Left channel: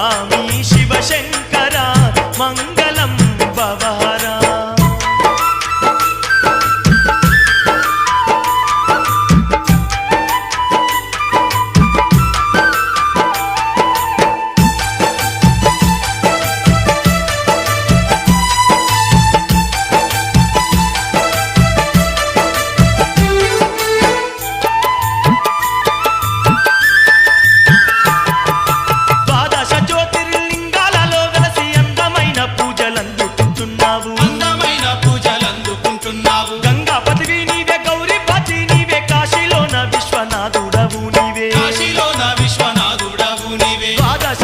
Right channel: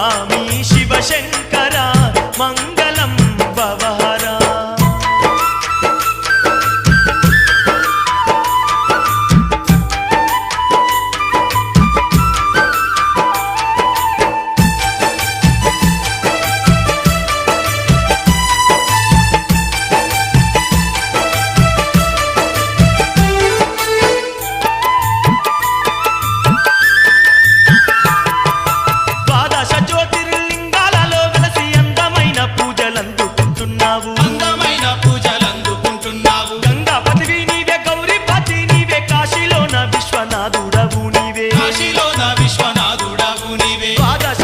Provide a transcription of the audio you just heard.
స్వామి శివశంకర మంగళం భవహరా ద్వాదశ జ్యోతిర్లింగాలలో వెలసి అందమైన పూజలందుకుంటున్నావు గంగాపతివి నీవే గౌరీపతి నీవే కాశీలోన విశ్వనాథుడవు నీవే విశ్వనాథుడవు నీవే ద్వాదశ